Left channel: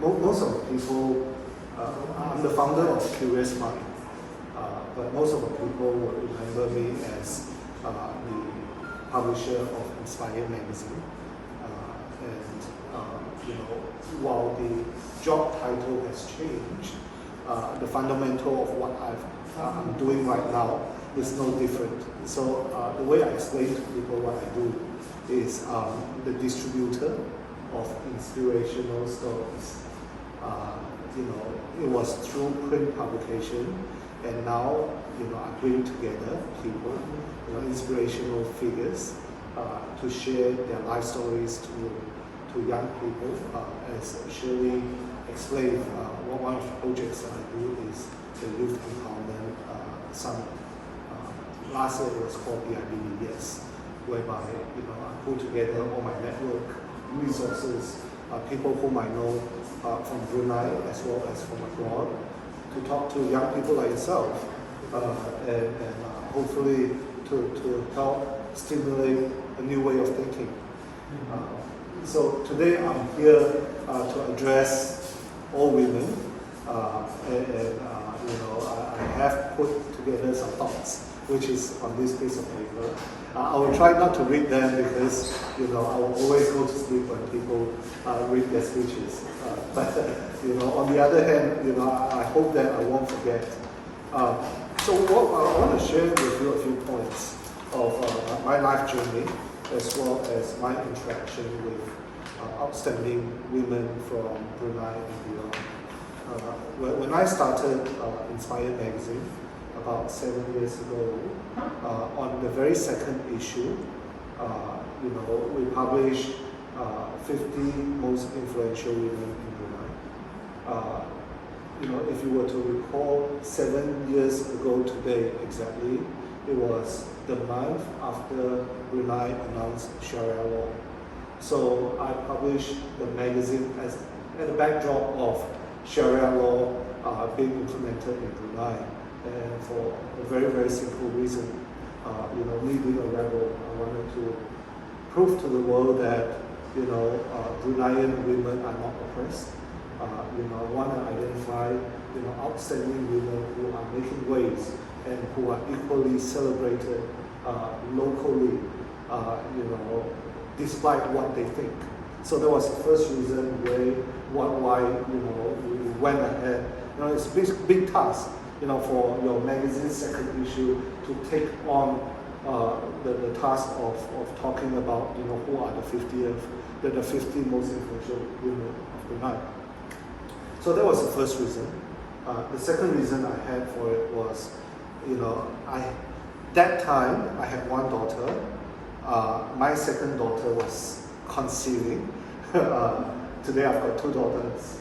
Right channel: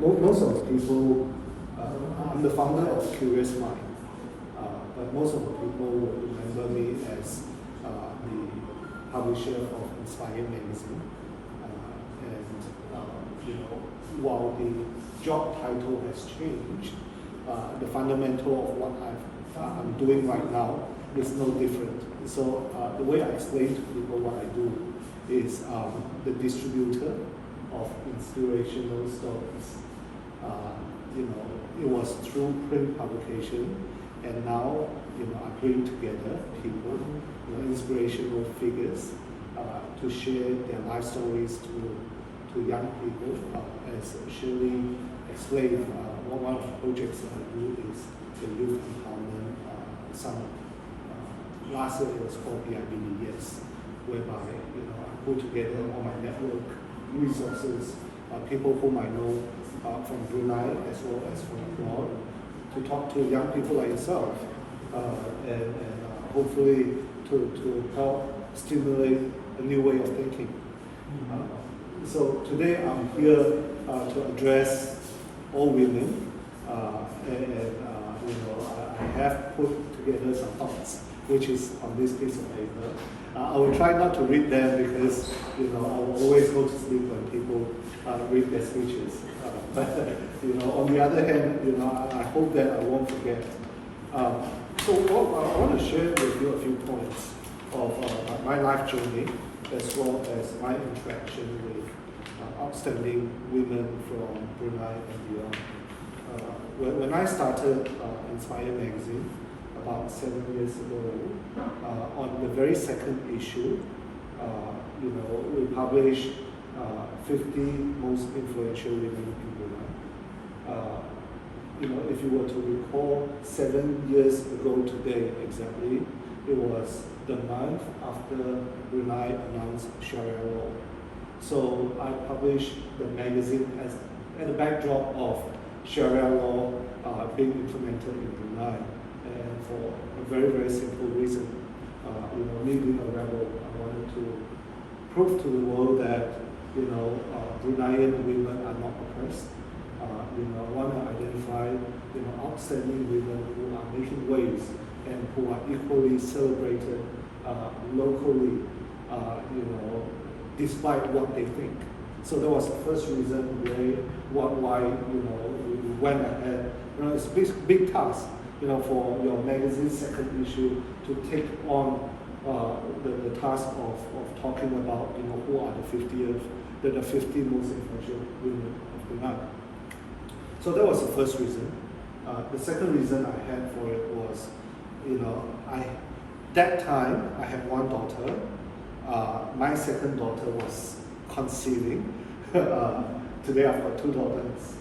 most of the people, I'm the founder of Curious Mind, but most of the people will remember me as the publisher of Inspire magazine. While the job title has changed, the fundamental of what I'm doing right now is no different. So the way I explain to people what I do is the distributor of inspirational stories. It was through print publication, and now I bring together people, inspirational figures, to share their life stories to young people. As Shirley explained, one of the projects that I do is the Youth Empowerment Summit. Last year it was called the Yes, whereby I put together all my network resources, people whom I know from Brunei as well as from abroad, to talk to young people like yourself, and hopefully to help stimulate a new way of thinking. So today I'm here to address all women, I have put together some thoughts, which is on this piece of paper. I will try not to read them because I will always go to sleep when people read their speeches. But on the other hand, I hope that I won't forget. So I want to share with you a few points of my life journey, as well as my interaction with outstanding women from Brunei and beyond. When I started Inspire magazine about 7 years ago, on the very second issue, we published 50 most influential women in Brunei. If you were to recall, 7 years ago today exactly, it was the month after Brunei announced Sharia law. So I published the magazine as a backdrop of Sharia law being implemented in Brunei, and for a very, very simple reason. Me being a rebel, I wanted to prove to the world that Bruneian women are not oppressed. I want to identify outstanding women who are making waves and who are equally celebrated locally, despite what they think. So that was the first reason why we went ahead. It's a big task, for your magazine's second issue to take on the task of talking about who are the 50 most influential women of Brunei. So that was the first reason. The second reason I had for it was, that time I had one daughter. My second daughter was conceiving. Today I've got two daughters.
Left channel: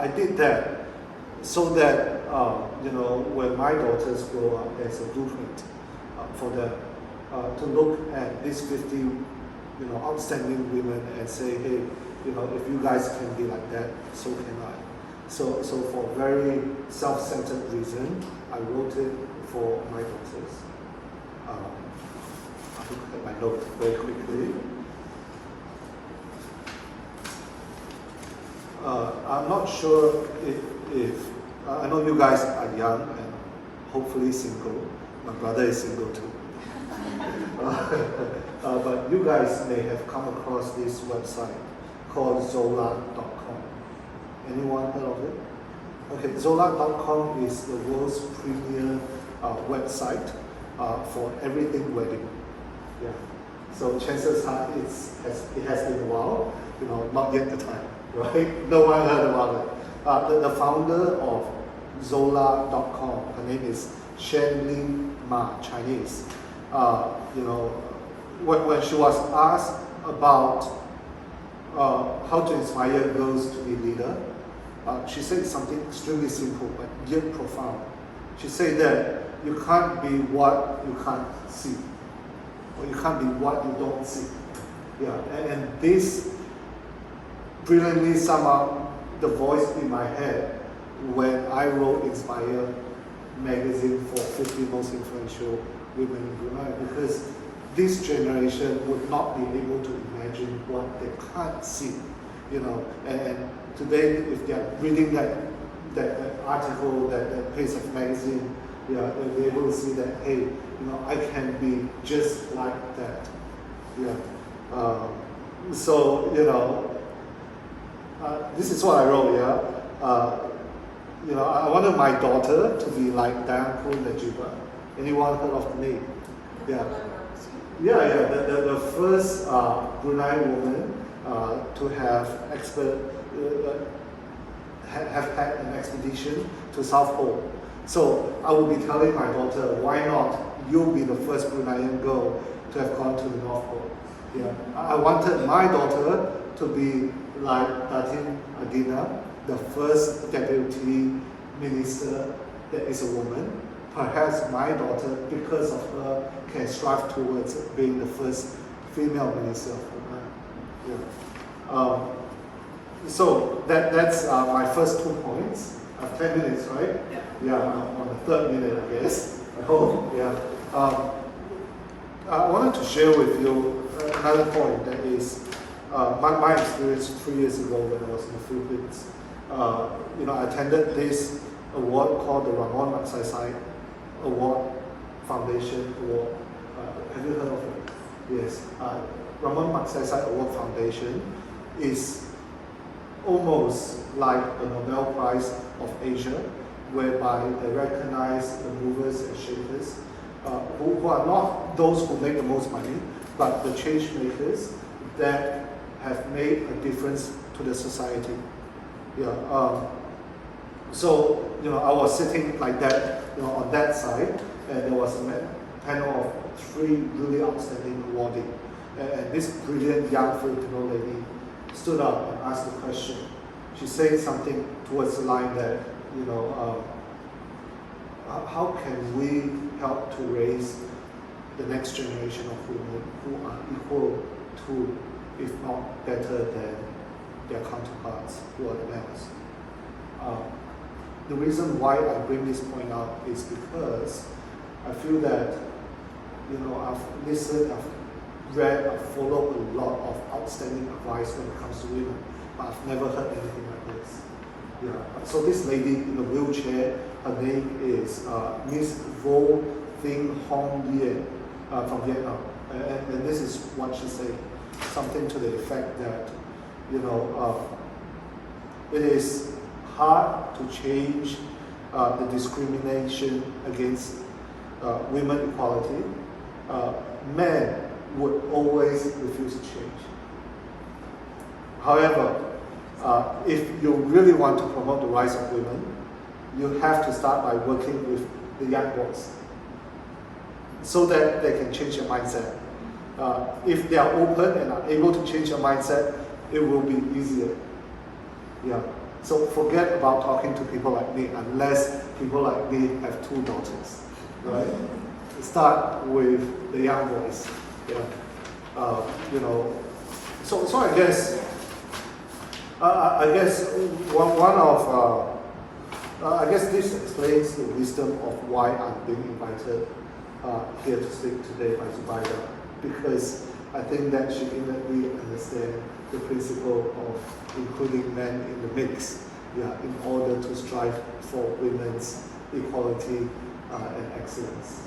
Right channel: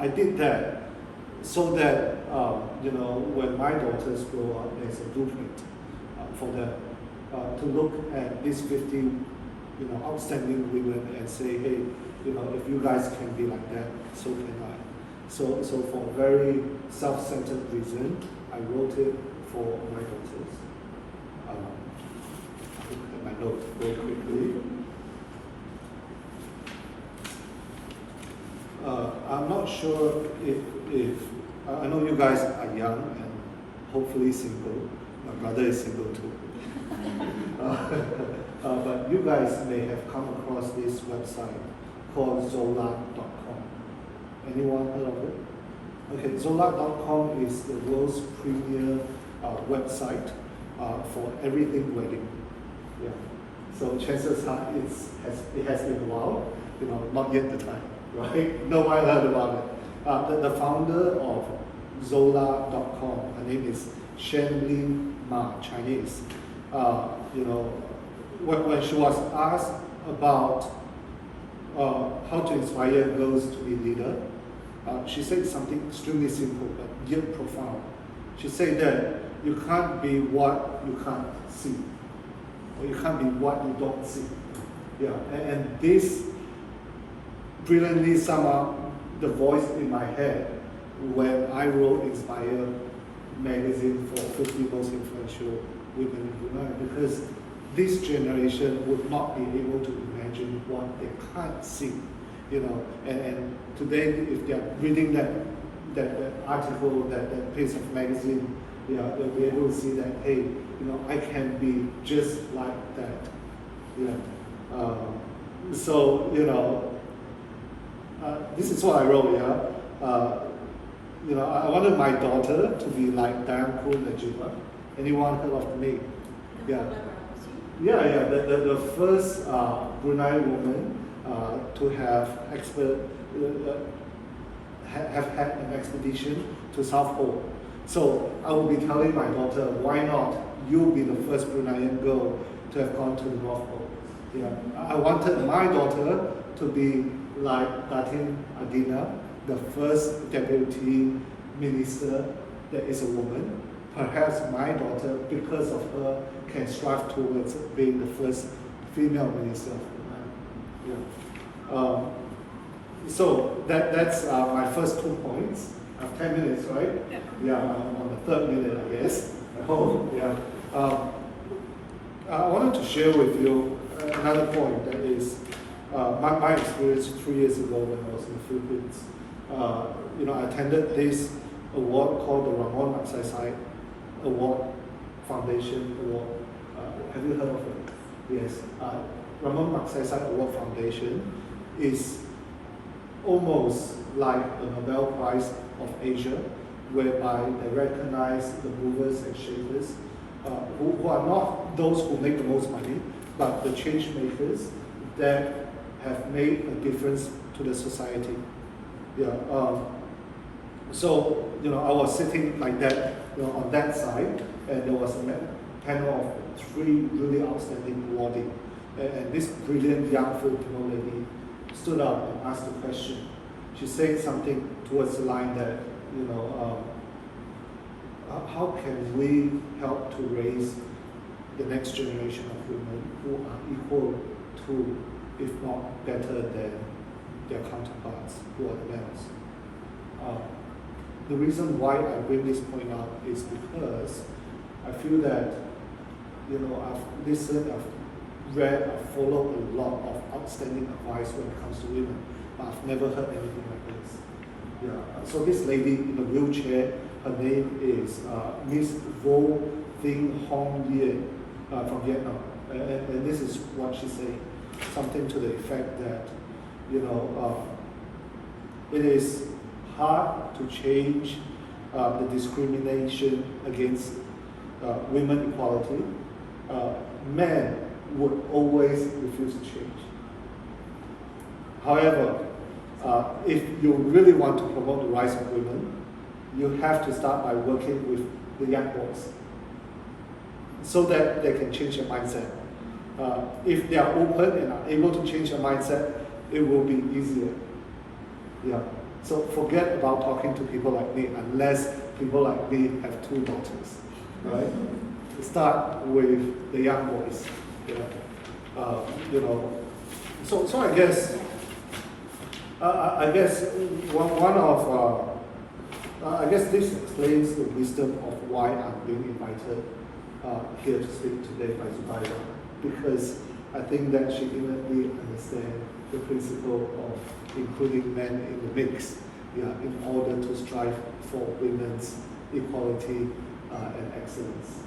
I did that so that when my daughters grow up, there's a blueprint for them to look at these 50 outstanding women and say, hey, if you guys can be like that, so can I. So for a very self-centered reason, I wrote it for my daughters. I look at my note very quickly. I'm not sure if I know you guys are young and hopefully single. My brother is single too. But you guys may have come across this website called Zola.com. Anyone heard of it? Okay, Zola.com is the world's premier website for everything wedding. Yeah. So chances are it has been a while, not yet the time, right? No one heard about it. The founder of Zola.com, her name is Shenlin Ma, Chinese. When she was asked about how to inspire girls to be leaders, she said something extremely simple but yet profound. She said that you can't be what you can't see, or you can't be what you don't see. Yeah, and this brilliantly summed up the voice in my head when I wrote Inspire magazine for 50 most influential women in Brunei, because this generation would not be able to imagine what they can't see. you know, and today if they're reading that article, that piece of magazine, yeah, they'll be able to see that, hey, you know, I can be just like that. Yeah. So, you know, this is what I wrote, yeah. You know, I wanted my daughter to be like Danko Najiba. Anyone heard of the name? Yeah. Yeah, the first Brunei woman to have had an expedition to South Pole. So I will be telling my daughter, why not you be the first Bruneian girl to have gone to the North Pole? Yeah, I wanted my daughter to be like Datin Adina, the first deputy minister that is a woman. Perhaps my daughter, because of her, can strive towards being the first female minister of Brunei. Yeah. So that's my first 2 points. I have 10 minutes, right? Yeah. Yeah, I'm on the third minute, I guess. I hope. Yeah. I wanted to share with you another point that is my experience 3 years ago when I was in the Philippines. You know, I attended this award called the Ramon Magsaysay Award Foundation Award. Have you heard of it? Yes. Ramon Magsaysay Award Foundation is almost like the Nobel Prize of Asia, whereby they recognize the movers and shakers who are not those who make the most money, but the change makers that have made a difference to the society. Yeah. So, you know, I was sitting like that, you know, on that side, and there was a panel of 3 really outstanding awardees. And this brilliant young Filipino lady stood up and asked a question. She said something towards the line that, you know, how can we help to raise the next generation of women who are equal to, if not better than, their counterparts who are the males? The reason why I bring this point up is because I feel that, you know, I've listened, I've read, I've followed a lot of outstanding advice when it comes to women, but I've never heard anything like this. Yeah. So this lady in a wheelchair, her name is Miss Vo Thing Hong Yen from Vietnam, and this is what she said, something to the effect that, you know, it is hard to change the discrimination against women equality. Men would always refuse to change. However, if you really want to promote the rights of women, you have to start by working with the young boys so that they can change their mindset. If they are open and are able to change their mindset, it will be easier. Yeah. So forget about talking to people like me, unless people like me have 2 daughters, right? Start with the young boys. Yeah. You know. So I guess one of I guess this explains the wisdom of why I'm being invited here to speak today by Zubaida, because I think that she innately understands the principle of including men in the mix, yeah, in order to strive for women's equality and excellence.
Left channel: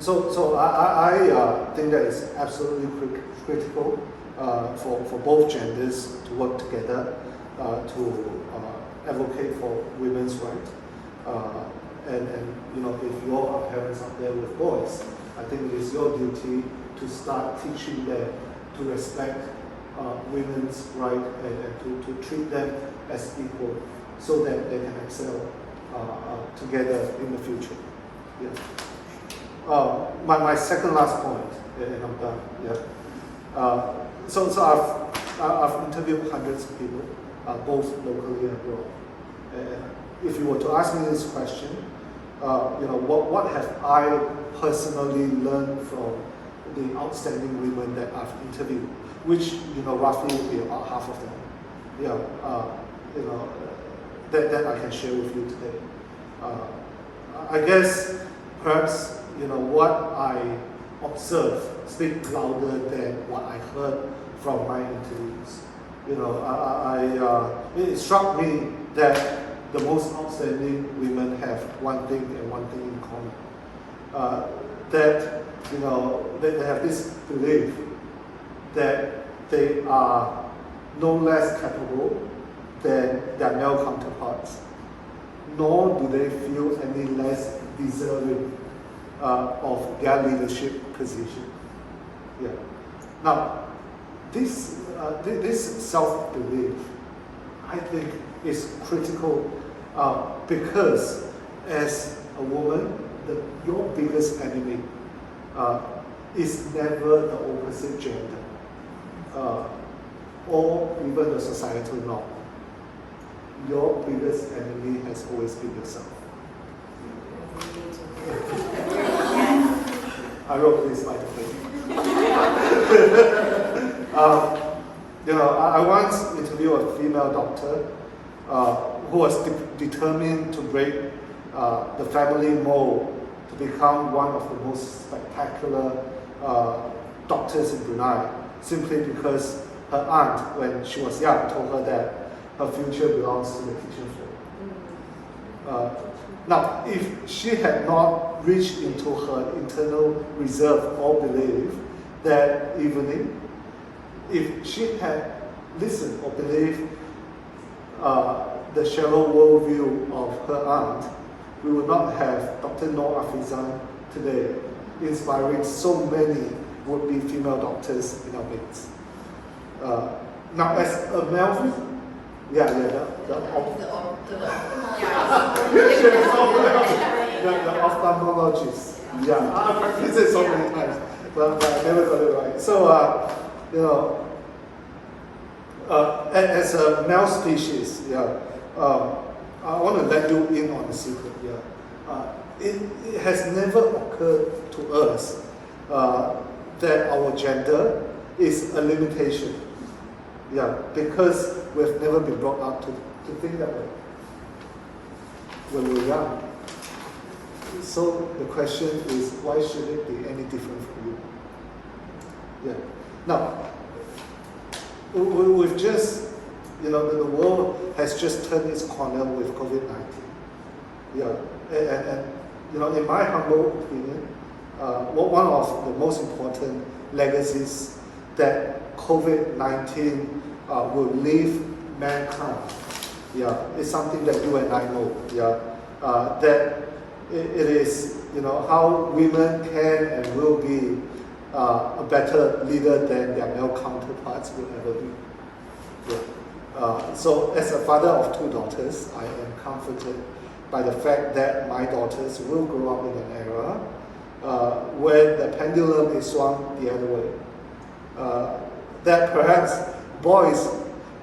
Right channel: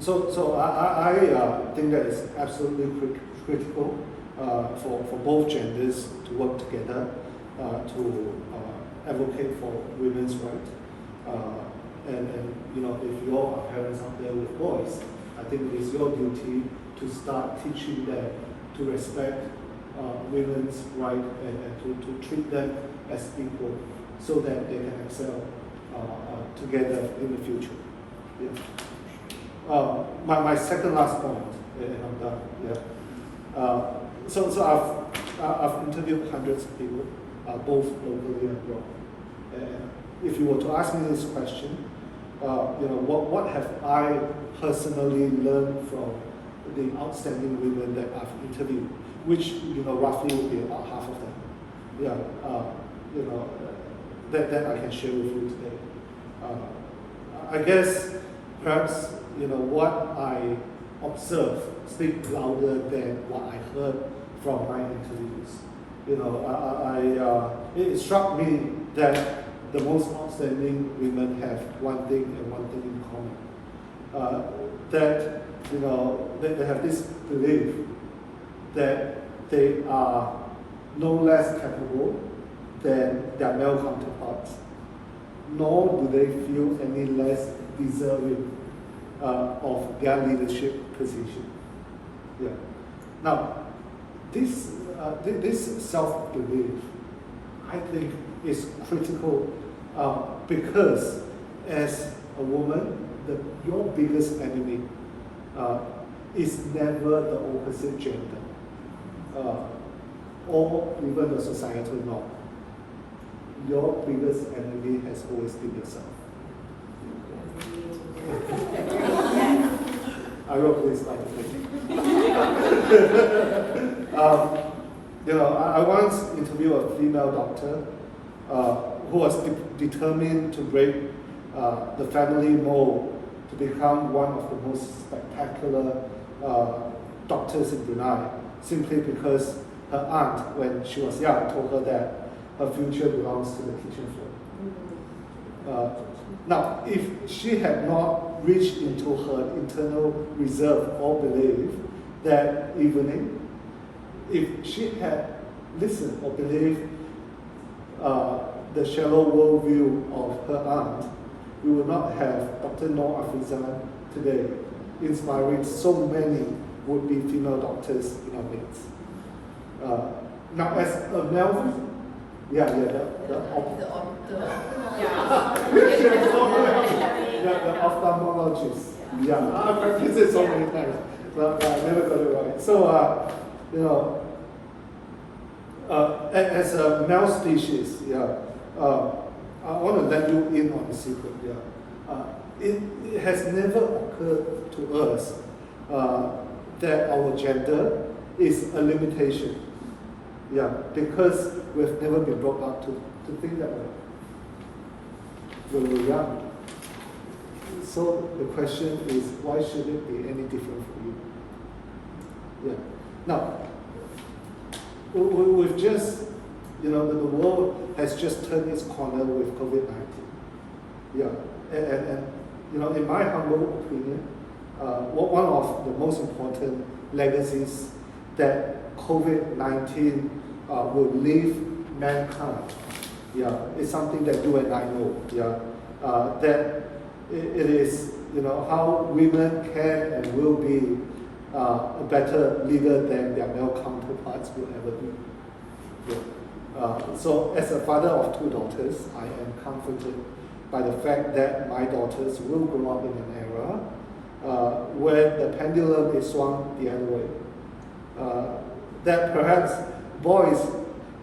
So I think that it's absolutely critical for both genders to work together to advocate for women's rights. And you know, if you all are parents out there with boys, I think it is your duty to start teaching them to respect women's rights and to treat them as equal, so that they can excel together in the future. Yeah. My second last point, and I'm done. Yeah. So I've interviewed hundreds of people, both locally and abroad. And if you were to ask me this question, you know, what have I personally learned from the outstanding women that I've interviewed, which, you know, roughly will be about half of them. Yeah, you know, that I can share with you today. I guess perhaps, you know, what I observed speak louder than what I heard from my interviews. You know, it struck me that the most outstanding women have one thing and one thing in common. That, you know, they have this belief that they are no less capable than their male counterparts, nor do they feel any less deserving of their leadership position. Yeah. Now, this self-belief, I think, is critical because as a woman, your biggest enemy is never the opposite gender or even the societal norm. Your biggest enemy has always been yourself. I wrote this by the way. You know, I once interviewed a female doctor who was determined to break the family mold to become one of the most spectacular doctors in Brunei, simply because her aunt, when she was young, told her that her future belongs to the kitchen floor. Now, if she had not reached into her internal reserve or belief that evening, if she had listened or believed the shallow worldview of her aunt, we would not have Dr. Noor Afizan today, inspiring so many would-be female doctors in our midst. Now, as a male, the ophthalmologist. Yeah, I practiced it so many times, but I never got it right. So, you know, as a male species, I want to let you in on the secret. It has never occurred to us that our gender is a limitation. Because we've never been brought up to think that way when we're young. So the question is, why should it be any different for you? Now, we've just, you know, the world has just turned its corner with COVID-19. And you know, in my humble opinion, one of the most important legacies that COVID-19 will leave mankind, is something that you and I know, that it is, you know, how women can and will be a better leader than their male counterparts will ever be. So as a father of two daughters, I am comforted by the fact that my daughters will grow up in an era where the pendulum is swung the other way. That perhaps boys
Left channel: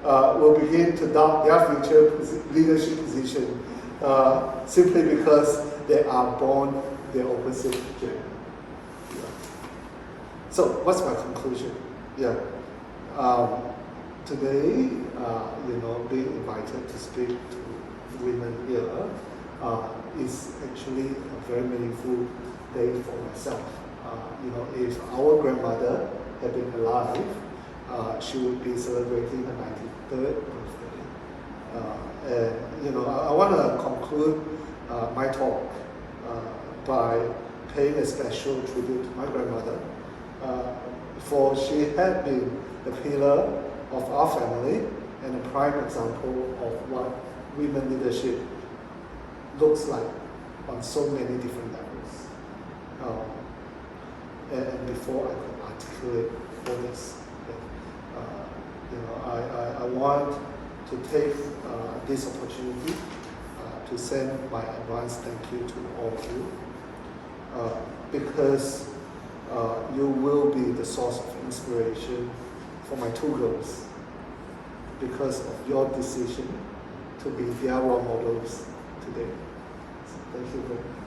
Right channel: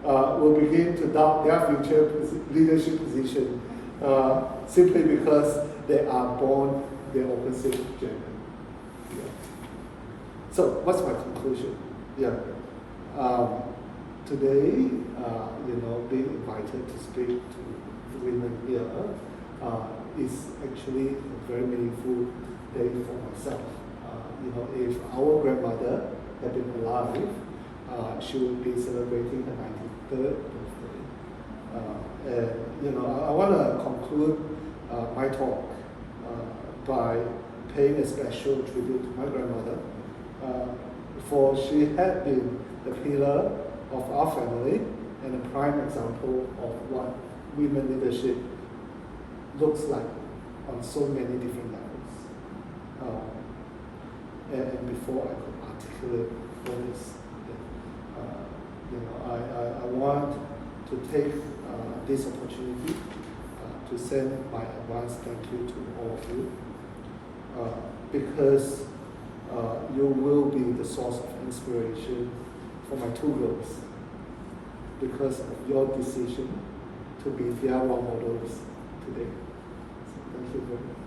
will begin to doubt their future leadership position simply because they are born the opposite gender. So, what's my conclusion? Today, you know, being invited to speak to women here is actually a very meaningful day for myself. You know, if our grandmother had been alive, she would be celebrating her 93rd birthday. And, you know, I want to conclude my talk by paying a special tribute to my grandmother, for she had been the pillar of our family and a prime example of what women leadership looks like on so many different levels. And before I can articulate all this, you know, I want to take this opportunity to send my advance thank you to all of you, because you will be the source of inspiration for my two girls, because of your decision to be their role models today. So thank you very much.